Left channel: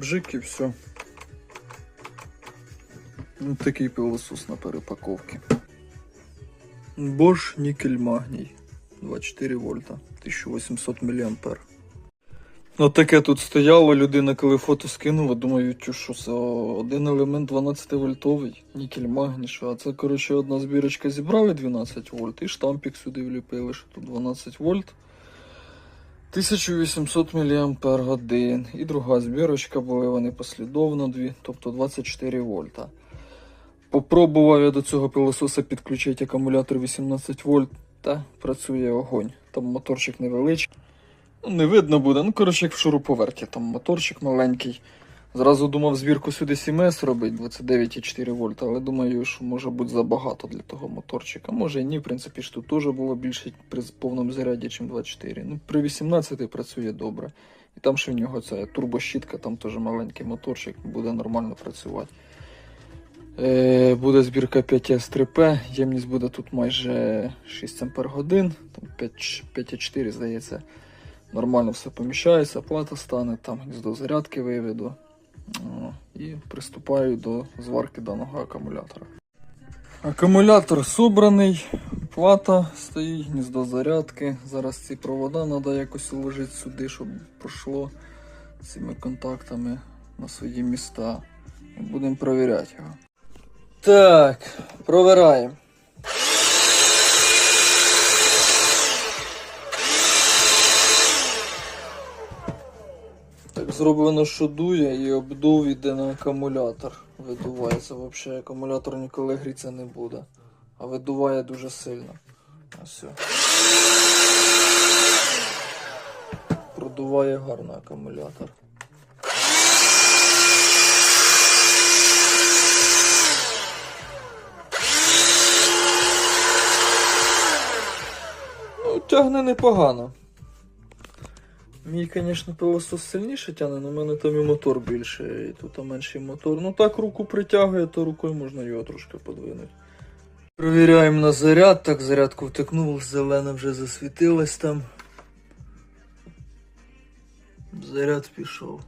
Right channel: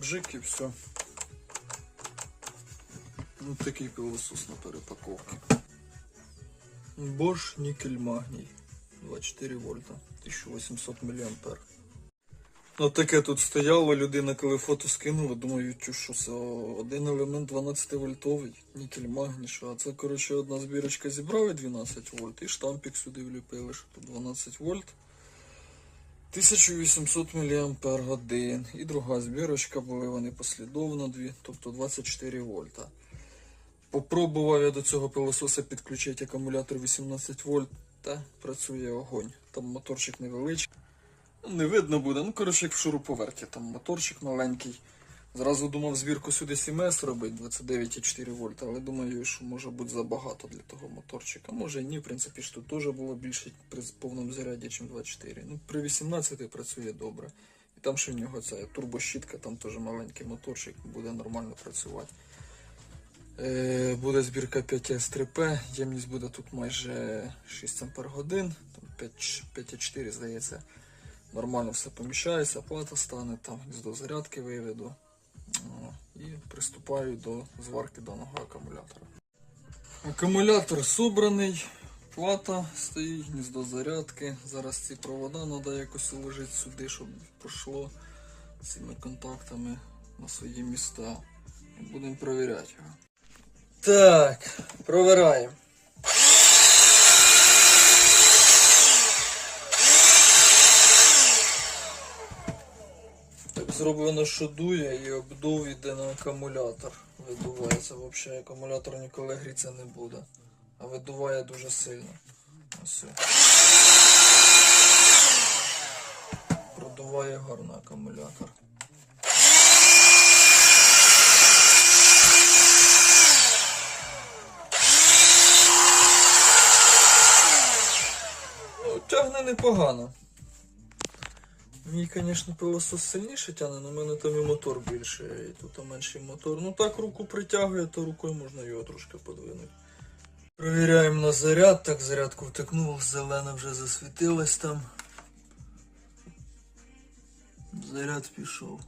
бжик і все. Ну, такий пилосос на перепаковці. Bosch нікель магній. 24 вольта, 1800 мА. Ну таке тут стояло, людина, коли фото скинула, думаю, що за один елемент 12 вольтовий, нікель магній, що, а це, коротше, одна збірочка зібрали 12 вольт і штампік сюди вліпили, що тут 12 вольт. 1800 мАч. І друга збірочка були вони послідовно дві, тобто 24 вольта. Попробував я до цього пилососа підключити акумулятор 18 вольт, та працює огонь. Там моторчик невеличкий. Ну, не видно буде. Ну, коротше, як в шуруповерті, там моторчик маленький. Зразу думав збірку сюди 7С робити, 29,4 вольта, але думаю, що може бути забагато для того моторчика. Може і ні, в принципі, ж тут теж було більше при повному заряді, ніж 24. Ну, при 18 працює добре. І там ще в нього це турбощітка, там теж маленький моторчик, буде нормально працювати. Е, буде збірка 5С3П, ємність буде тут майже 6 Ампер годин, 5,4 здається. Нормально все поміщається, плата стане, там гніздо зарядки виведу. І приступаю до зварки даного акумулятора. Акумулятор собраний, плата стоїть, гніздо зарядки. Зараз ці провода треба якось уложити сюди, щоб пройшло цими контактами на свої міста. Будемо перевіряти його. Так, провираємо. Зроблено, що дує і обдув іде на акумулятор. Видувається. Взагалі акумулятор ніколи гріться не буде. А видуває дуже сильно. Ось. Продуває гарно акумулятор. Ну, тягне непогано. Мій, звісно, пилосос сильніше тягне, але в мене там і мотор більше, і тут менший мотор. Ну так руку притягує, то рукою можна його трошки подвинути. Провіряємо на заряд. Так, зарядку втикнув, зелена вже засвітилась там. Заряд пішов.